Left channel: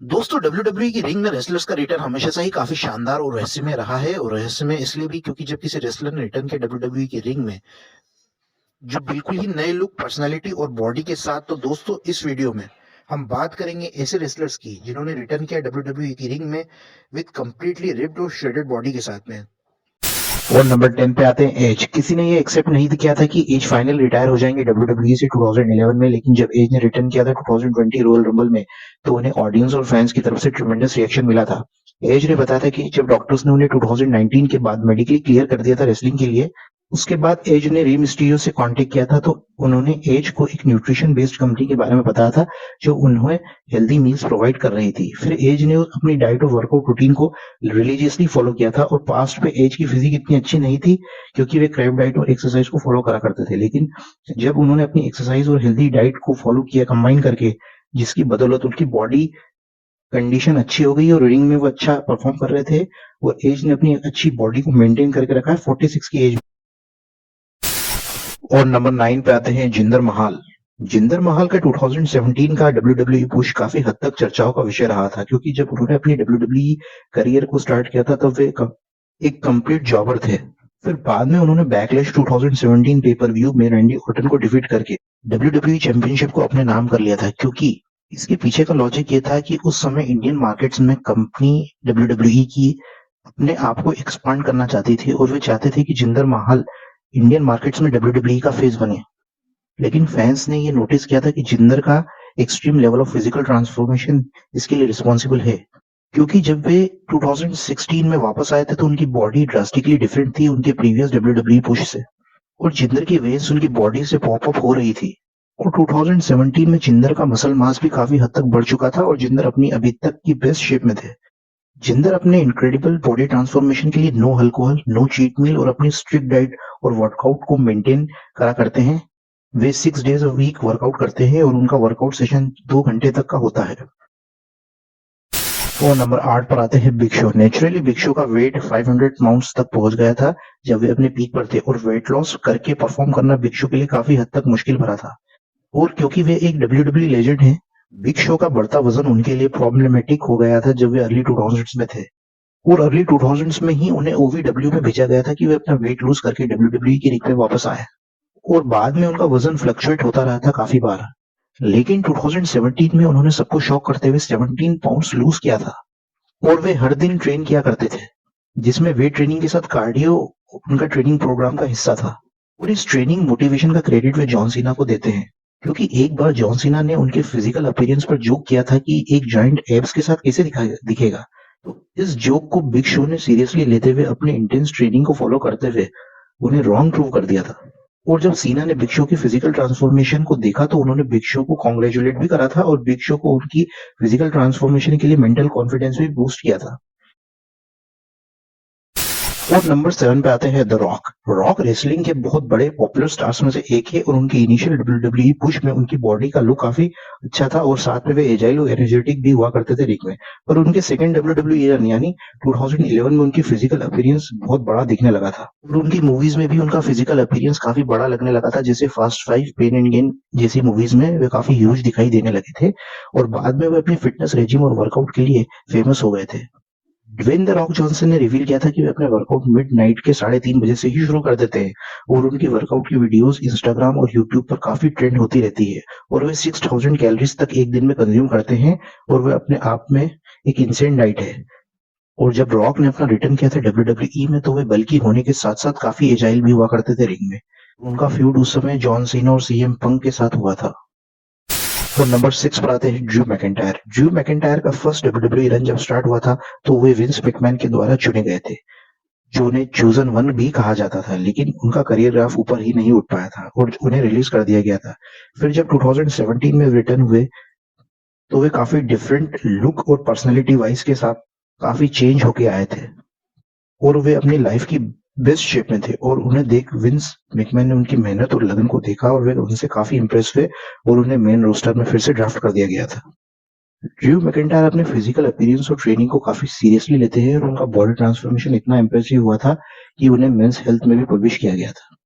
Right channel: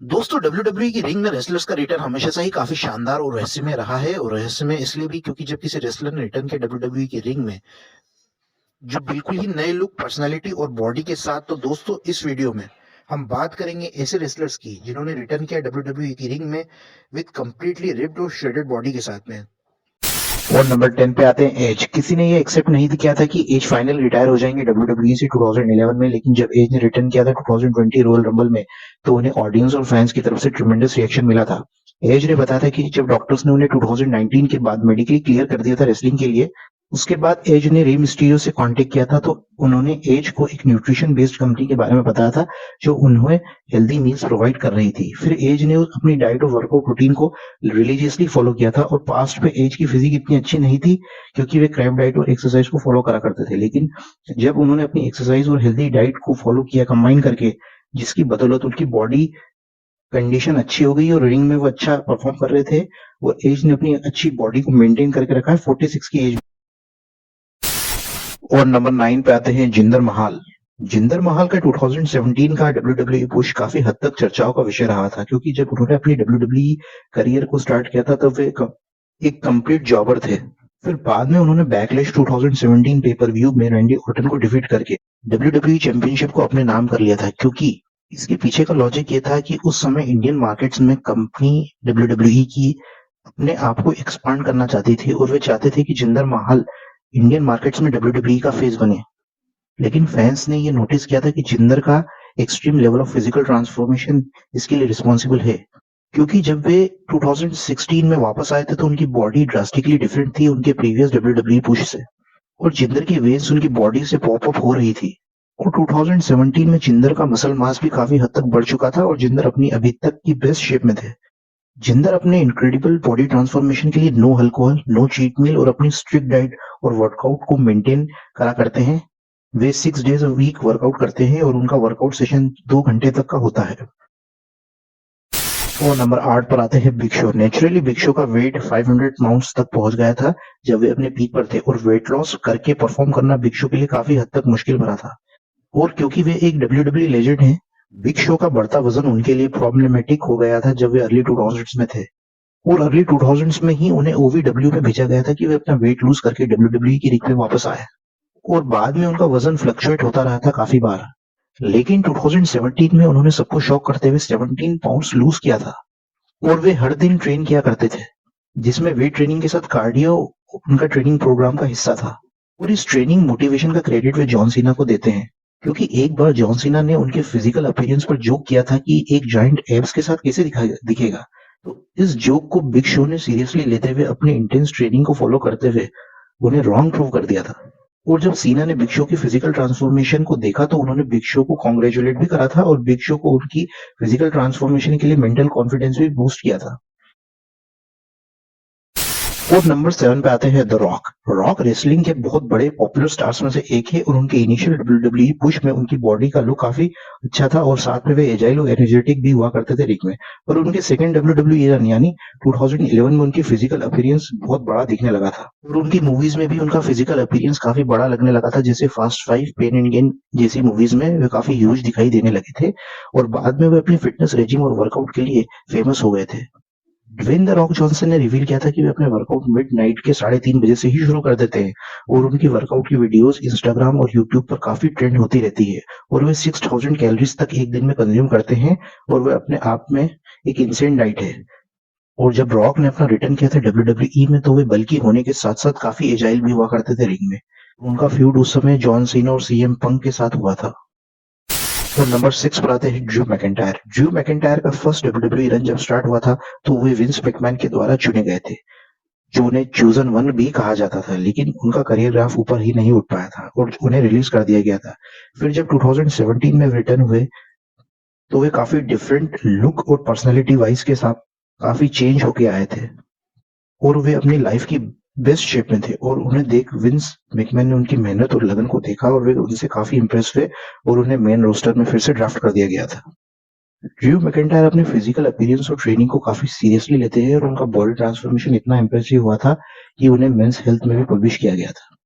दोस्तों डब्ल्यूडब्ल्यूई की रिंग में रेसलर्स का रिटर्न हमेशा से ही काफी शानदार और रहस्यमय रहा है और रहस्यमय इसलिए भी क्योंकि जब किसी रेसलर ने रिटर्न किया डब्ल्यूडब्ल्यूई की रिंग में जो बिल्कुल ही नए लुक पर्सनालिटी और बॉडी के साथ तो दोस्तों इस वीडियो में हम बात करेंगे ऐसे रेसलर्स की जिन्होंने रिटर्न किया डब्ल्यूडब्ल्यूई की रिंग में विद कंप्लीटली रिप्ड और श्रेडेड बॉडी के साथ में। और नंबर 10 पे आते हैं एज। किसी ने ये एक्सेप्ट नहीं किया था कि एज फाइनल रिटायर हो जाएंगे डब्ल्यूडब्ल्यूई से 2011 में, लेकिन जब एज ने रिटर्न किया था 2020 रॉयल रंबल में तो उन्हें ऑडियंस और फैंस की तरफ से ट्रिमेंडस रिएक्शन मिला था। एज ने बताया था कि जब डॉक्टर्स ने उन्हें 2019 के बाद मेडिकली क्लियर कर दिया था रेसलिंग के लिए, उसके बाद एज ने रे मिस्टीरियो से कांटेक्ट किया था तो उन्होंने एज को एक न्यूट्रिशन बेस्ड कंपनी के बारे में बताया था जो उन्हें हेल्दी मील्स प्रोवाइड कर रही थी। फिर एज ने अपनी डाइट और वर्कआउट रूटीन को रिलीजियसली फॉलो किया था और पास्ट पे एज की फिजिक इतनी अच्छी नहीं थी क्योंकि वे क्रैप डाइट और एक्सरसाइज को फॉलो करा करते थे, लेकिन जब उन्होंने अपनी एक्सरसाइज और हेल्दी डाइट को फॉलो किया कंबाइन करके, जिसकी बदौलत उनकी बॉडी कंडीशन अच्छी हो गई और रिंग में वो अच्छा परफॉर्म कर रहे थे। वो एज ने अपनी अच्छी बॉडी को मेंटेन करके रखा है 46 की एज। और नंबर 9 पे आते हैं जिंदर महाल। जिंदर महाल का 2017 का डब्ल्यूडब्ल्यूई पुश काफी हद तक चर्चाओं का विषय रहा था क्योंकि जब उन्होंने अपनी डब्ल्यूडब्ल्यूई करियर को स्टार्ट किया था तब वे एक कंप्लीट जॉबर थे। फिर बाद में उन्होंने बैकलैश 2017 पेपर व्यू में रैंडी ऑर्टन को डिफीट करके डब्ल्यूडब्ल्यूई चैंपियनशिप को अपने नाम कर लिया था, क्योंकि इसके पीछे का लॉजिक ये था कि उस समय इंडियन मार्केट्स में कंपनी डब्ल्यूडब्ल्यूई की अपने आप को एक्सपांड करना चाहती थी और वे चाहते थे कि जिंदर महाल इंडियन मार्केट्स में डब्ल्यूडब्ल्यूई का फेस बने। लेकिन फैंस ने ये नोटिस किया था कि जिंदर का extreme level of physical transformation इसके लिए रिस्पॉन्सिबल है, क्योंकि जब वे 2016 में वापस आए थे तो उनकी बॉडी ड्रास्टिकली डिफरेंट थी उनके प्रीवियस डब्ल्यूडब्ल्यूई पुश से और जिंदर की वेन्स उनकी बॉडी से पॉप अप हो रही थी। और 2017 में जिंदर का मसल मास भी काफी हद तक बढ़ चुका था और जिंदर अपनी अभी तक की बेस्ट शेप में थे। जिंदर अपने इनक्रेडिबल बॉडी ट्रांसफॉर्मेशन के लिए no alcohol, no cheat meal और अपनी स्ट्रिक्ट डाइट और वर्कआउट को मेंटेन करा करते हैं। वे 6 डेज अ वीक वर्कआउट करते हैं और उनका वर्कआउट सेशन 2 घंटे तक का होता है। और नंबर 8 पर आते हैं big show. Naturally big show का वेट 500 पाउंड्स तक पहुंच गया था जब वे अपने पीक पर थे और वेट लॉस करके परफॉर्म करना बिग शो के लिए काफी हद तक मुश्किल भरा था। और क्योंकि वे एक डब्ल्यूडब्ल्यूई लेजेंड हैं, बिग शो का बढ़ता वजन उनके लिए प्रॉब्लमेटिक हो गया था जब वे अर्ली 2000s में थे। और अर्ली 2000s में ही उन्हें ओवीडब्ल्यू में भेजा गया था कि वे अपना वेट लूज करके डब्ल्यूडब्ल्यूई की रिंग में वापस आए और बाद में उनका वजन फ्लक्चुएट होता रहा था काफी बार। लेकिन 2017 में उन्होंने सबको शॉक करते हुए 17 पाउंड्स लूज किया था और वे हर दिन ट्रेन किया करते थे, जिसमें वेट ट्रेनिंग के साथ कार्डियो उनका ट्रेनिंग प्रोग्राम का हिस्सा था। और इस ट्रेनिंग मोटिवेशन का क्रेडिट वे जॉन सीना को देते हैं, क्योंकि एक बार जॉन सीना ने उनके फिजिकल अपीयरेंस पर जोक किया था कि एक जॉइंट एब्स के साथ कैसे दिखेगा। तो इस जोक को बिग शो ने सीरियसली लेते हुए अपने इंटेंस ट्रेनिंग को फॉलो करते हुए उन्हें रॉन्ग प्रूव कर दिया था। और जब सीना ने बिग शो की फिजिकल ट्रांसफॉर्मेशन को देखा तो उन्होंने बिग शो को कॉन्ग्रेचुलेट भी करा था और बिग शो को उनकी फिजिकल ट्रांसफॉर्मेशन के लिए मेंटल कॉन्फिडेंस भी बूस्ट किया था। और नंबर 7 पे आते हैं द रॉक। रॉक रेसलिंग के बहुत बड़े पॉपुलर स्टार्स में से एक है और उनके इनिशियल डब्ल्यूडब्ल्यूई पुश में उनकी बॉडी का लुक काफी अच्छा था और साथ में वे एजाइल और एनर्जेटिक भी हुआ करते थे रिंग में। पर उनके सेकंड डब्ल्यूडब्ल्यूई रन यानी 2011 में उनकी फिजिकल अपीयरेंस बहुत बड़ा दिखने लगा था और उनकी मूवीज में भी उनका फिजिकल अपीयरेंस काफी बड़ा लगने लगा था, जैसे फास्ट 5, पेन एंड गेन जैसी मूवीज में वे काफी ह्यूज दिखाई देने लगे थे और बाद में वे अपनी फिटनेस रेजिम और वर्कआउट के लिए फेमस हो गए थे। ड्वेन द रॉक जॉनसन ने रिवील किया था कि वे अपने वर्कआउट मिड नाइट के 3:30 बजे से ही शुरू कर देते हैं और उनकी वर्कआउट की वीडियोस इंस्टाग्राम और यूट्यूब पर काफी ट्रेंड होती रहती है और वे 6000 कैलोरीज तक एक दिन में कंज्यूम करते हैं और वे अपने आप में एक इंसेंट डाइट है। और जब रॉक ने अपना रिटर्न किया था डब्ल्यूडब्ल्यूई में तो वे बल्कि होने के साथ साथ काफी एजाइल भी हुआ करते थे रिंग में। उनका फ्यूड उस समय जॉन सीना और सीएम पंक के साथ हुआ था। तो नंबर 6 पर आते हैं ड्रू मैकिंटायर। ड्रू मैकिंटायर का फर्स्ट डब्ल्यूडब्ल्यूई रन जब स्टार्ट हुआ था तो वे विंस मैकमैन के द्वारा चुने गए थे, जो उन्हें चूजन वन भी कहा जाता था, लेकिन उनका करियर ग्राफ ऊपर ही नहीं उठ पाया था और उन्हें रिलीज कर दिया गया था। फिर जब 2017 में रिटर्न हुए तो वे काफी डिफरेंट लुक और पर्सनैलिटी वाइज के साथ काफी चेंज होके आए थे और वे अपनी लाइफ की बेस्ट शेप में थे और उन्हें देख विंस मैकमैन ने उनकी मेहनत और लगन को देखा और वे उनसे काफी इंप्रेस हुए और उन्हें मेन रोस्टर में फिर से ड्राफ्ट कर दिया गया था। ड्रू मैकिंटायर अपने फिजिकल अपीयरेंस और ट्रेनिंग को काफी सीरियसली लेते हैं और उनका बॉडी ट्रांसफॉर्मेशन इतना इंप्रेसिव हुआ था कि उन्हें मेंस हेल्थ में भी पब्लिश किया गया था।